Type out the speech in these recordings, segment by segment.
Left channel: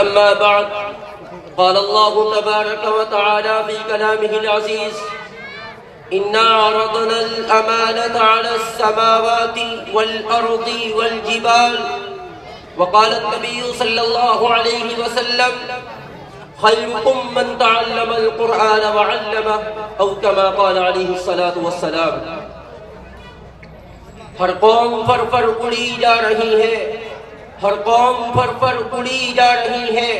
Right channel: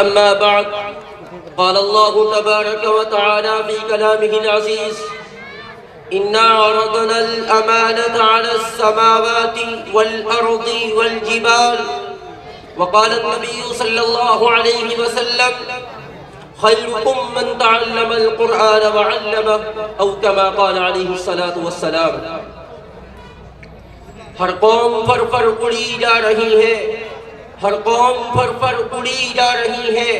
أما بعد قال الله تبارك وتعالى في كلامه العزيز إنا عرضنا الأمانة على السماوات والأرض والجبال وقال النبي صلى الله عليه وسلم خيركم من تعلم القرآن وعلمه أو كما قال عليه الصلاة والسلام۔ ہر قوم پر اڑی جا رہی ہے، ہر قوم پر اڑی جا رہی ہے،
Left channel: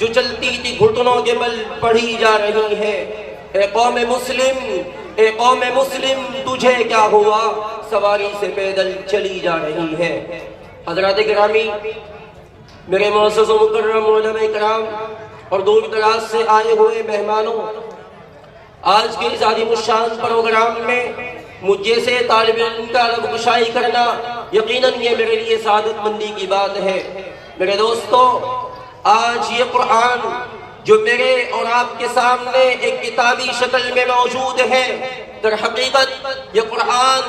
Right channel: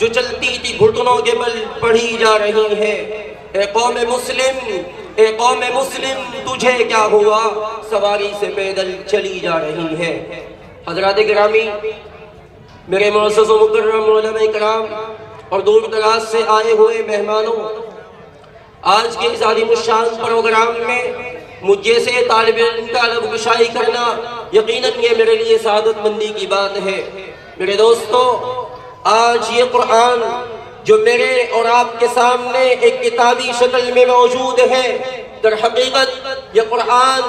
جو چلتی تھی گھٹنوں کے بل پڑھی جا رہی ہے۔ اے قوم مسلم، اے قوم مسلم، تجھے کیا ہوا؟ سواری سے پیدل چلی جا رہی ہے۔ حضرات گرامی، میرے معزز و مکرم علماء کرام اور دور دراز سے آئے ہوئے مہمانوں، آج کے اس عظیم الشان پروگرام میں مجھ جیسے طالب علم کا لب گشائی کرنا یقیناً یہ میرے لیے سعادت مندی کی بات ہے۔ میرے دوستو، آج یہ قرآن جو میرے اور آپ کے سامنے ایک کتابی شکل میں موجود ہے، در حقیقت یہ قرآن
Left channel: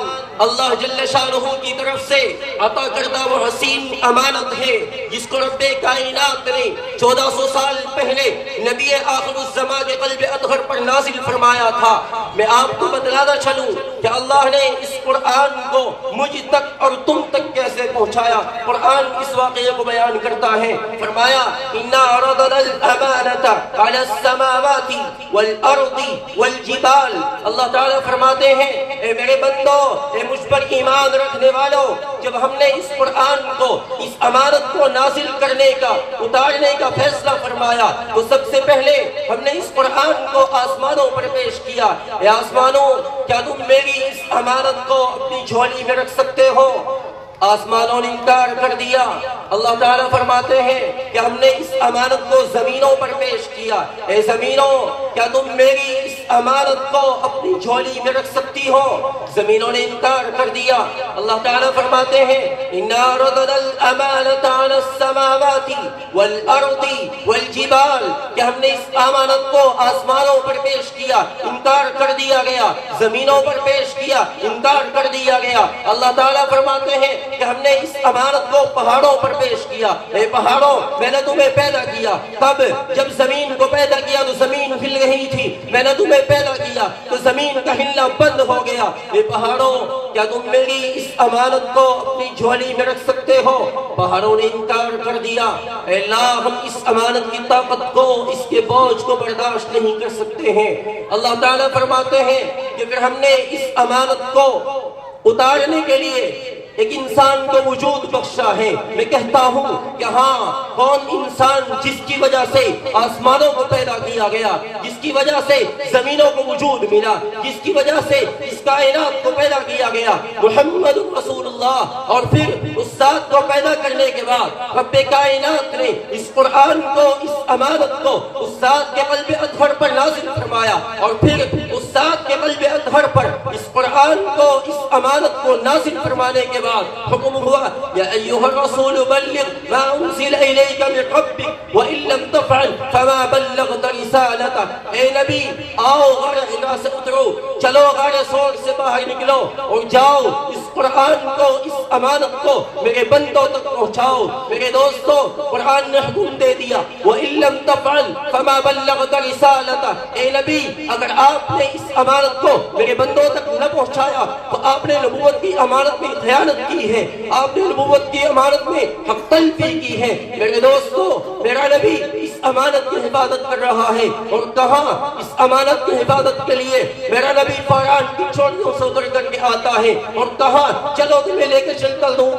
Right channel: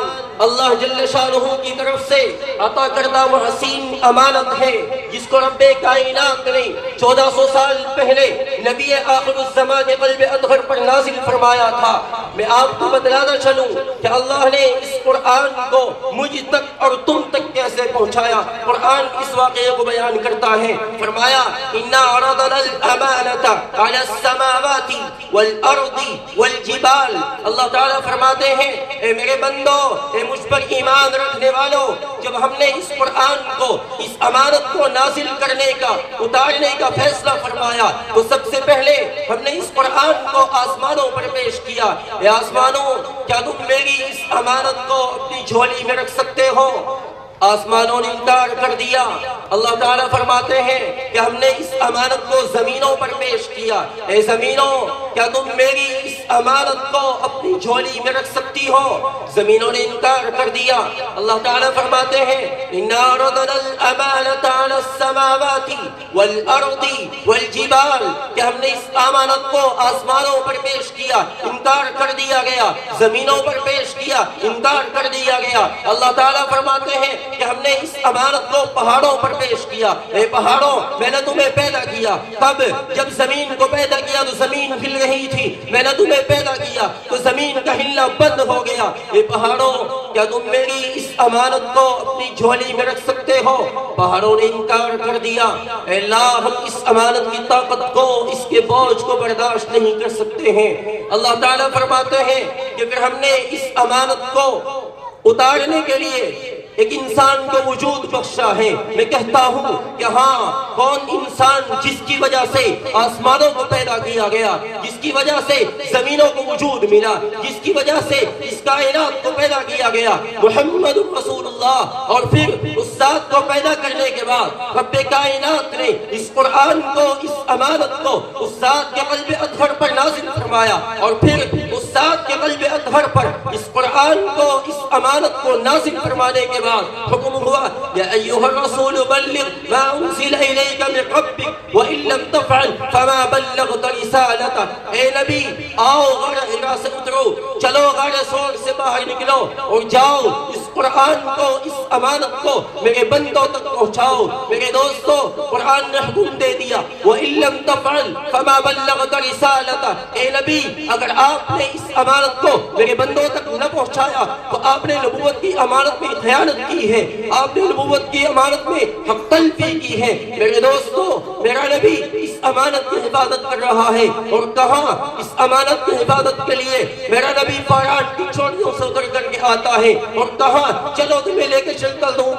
اللہ جل شانہ کی طرف سے عطا کردہ وہ حسین امانت ہے جس کو رب کائنات نے 1400 سال پہلے نبی آخر الزمان کے قلب اطہر پر نازل فرمایا تھا۔ میں آپ کو بتلانا چلوں کہ اللہ نے اس قرآن کو مجھ تک اور تم تک کیسے پہنچایا۔ قرآن اس واقعے کو بیان کرتا ہے، فرمایا اِنَّا عَرَضْنَا الْأَمَانَةَ عَلَى السَّمَاوَاتِ وَالْأَرْضِ وَالْجِبَالِ۔ اللہ تعالیٰ فرماتے ہیں، اے میرے بندو، اے مجھ پر ایمان رکھنے والوں، جب ہم نے اس قرآن کو، اس امانت کو نازل کرنے کا، اتارنے کا فیصلہ فرمایا تو سب سے پہلے ہم نے اس قرآن کو آسمانوں پر پیش کیا۔ اے آسمانوں، کیا تم میری اس امانت کو اپنی جھولی میں رکھ سکتے ہو؟ آسمانوں نے انکار کر دیا۔ اللہ تعالیٰ فرماتے ہیں کہ ہم نے اس امانت کو زمینوں پر پیش کیا۔ اے زمینوں، کیا تم میری اس امانت کو اپنی جھولی میں رکھ سکتی ہو؟ زمینوں نے انکار کر دیا۔ اللہ تعالیٰ فرماتے ہیں اِنَّا عَرَضْنَا الْأَمَانَةَ عَلَى السَّمَاوَاتِ وَالْأَرْضِ وَالْجِبَالِ کہ ہم نے اس امانت کو آسمانوں پر پیش کیا، انکار کر دیا گیا، زمینوں پر پیش کیا، انکار کر دیا گیا۔ اللہ تعالیٰ فرماتے ہیں کہ ہم نے اس امانت کو پہاڑوں پر پیش کیا۔ اے پہاڑوں، میں نے تمہیں پیدا کیا۔ کب؟ جب زمین کو پیدا کیا تو زمین ہل رہی تھی۔ میں نے تمہیں پیدا کیا تو زمین کا ہلنا بند ہو گیا۔ اے پہاڑوں، کیا تم میری اس امانت کو اپنی جھولی میں رکھ سکتے ہو؟ پہاڑوں نے انکار کر دیا۔ اے اللہ، ہم اس امانت کی طاقت کو، اس کے بوجھ کو برداشت نہیں کر سکتے ہیں۔ اللہ تعالیٰ فرماتے ہیں کہ اگر ہم نے اس امانت کو اتارنے کے لیے ایک انسان کو وجود بخشا ہے، میں کہتا ہوں کہ ہاں، کون انسان جس کی وجہ سے آسمانوں کو پیدا کیا گیا، جس کی وجہ سے زمینوں کو وجود ملا، جس کی وجہ سے اس کائنات کو پیدا کیا گیا، محمد رسول اللہ۔ اور پھر اس ذات کو پیدا کرنے کے بعد رب کائنات نے اس قرآن کو، اس امانت کو اس ذات کے قلب اطہر پر نازل فرمایا، اور پھر اس ذات کے قلب اطہر پر اس قرآن کو، اس امانت کو نازل فرمانے کے بعد حکم ہوا یا ایھا الرسول بلغ ما انزل الیک من ربک وان لم تفعل فما بلغت رسالتہ۔ اے نبی، آؤ غار حرا سے اترو، چلو غار سور سے باہر نکلو اور جاؤ اس قرآن کو، اس امانت کو میرے بندوں تک پہنچاؤ۔ میرے دوستو، قرآن نے حکم دے دیا وان لم تفعل فما بلغت رسالتہ۔ اے نبی، اگر آپ نے اس امانت کو میرے بندوں تک نہ پہنچایا تو آپ نے نبوت کی امانت میں خیانت کی ہے، آپ نے نبوت کی امانت میں حق تلفی کی ہے۔ میرے دوستو، میرا نبی اس امانت کی حفاظت کر رہا ہے، اور کہاں اس امانت کی حفاظت کے لیے میرا نبی فاران کی چوڑیوں سے اتر کر کے آتا ہے، اور کہاں چلو تمہیں لے کے چلتا ہوں،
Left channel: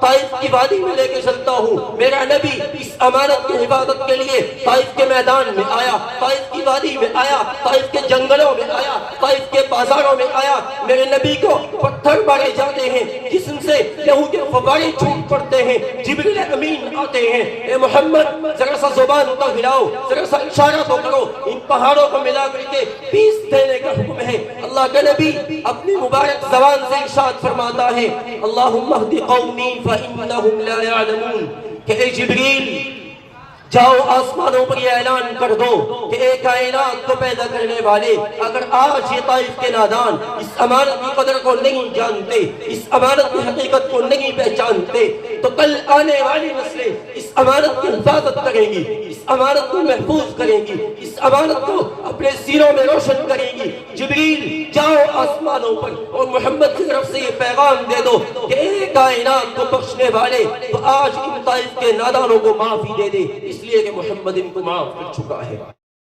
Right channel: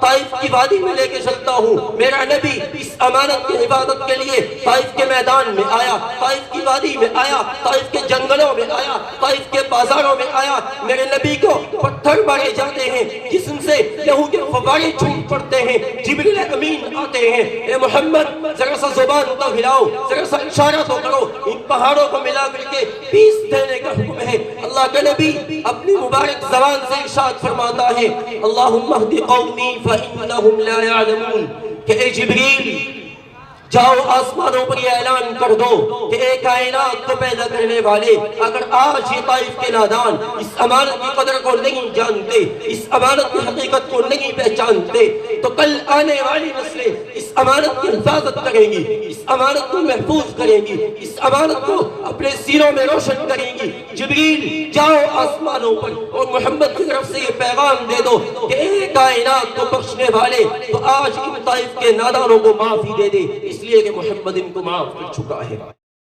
طائف کی وادی میں لے کے چلتا ہوں۔ میرا نبی اس امانت کی حفاظت کے لیے طائف کے میدان میں آیا، طائف کی وادی میں آیا، طائف کے جنگلوں میں آیا، طائف کے بازاروں میں آیا۔ میرے نبی کو پتھر مارے جاتے ہیں، جسم سے لہو کے فوارے چھوٹ پڑتے ہیں، جبریل امین آتے ہیں، اے محمد ذرا سا زبان تو ہلاؤ، ذرا سا اشارہ تو کرو، ان پہاڑوں کو ملا کر کے پیس دینے کا حکم ہے۔ اللہ کے نبی اپنی مبارک زبان سے ارشاد فرماتا ہے اللہم اہد قومی فانہم لا یعلمون کہ اے جبریل، جاؤ آسمانوں پر یہ اعلان کر دو کہ ایک کائنات کو پیدا کرنے والے اگر آج یہ طائف کے نادان اس امانت کی قدر کو نہیں جانتے، اس امانت کی حقیقت کو نہیں پہچانتے، تو کل آنے والی نسلیں اس امانت کی حفاظت کریں گی، اس امانت کو محفوظ کریں گی، اس امانت کو اپنے سینوں میں روشن کریں گی۔ جبریل جاؤ آسمانوں پر اور محمد کی طرف سے یہ پیغام دے دو کہ ایک کائنات کو بخشنے والے تو آج ان طائف کے نادانوں کو معافی دے دے، اس لیے کہ محمد ان کو معاف کر چکا ہے۔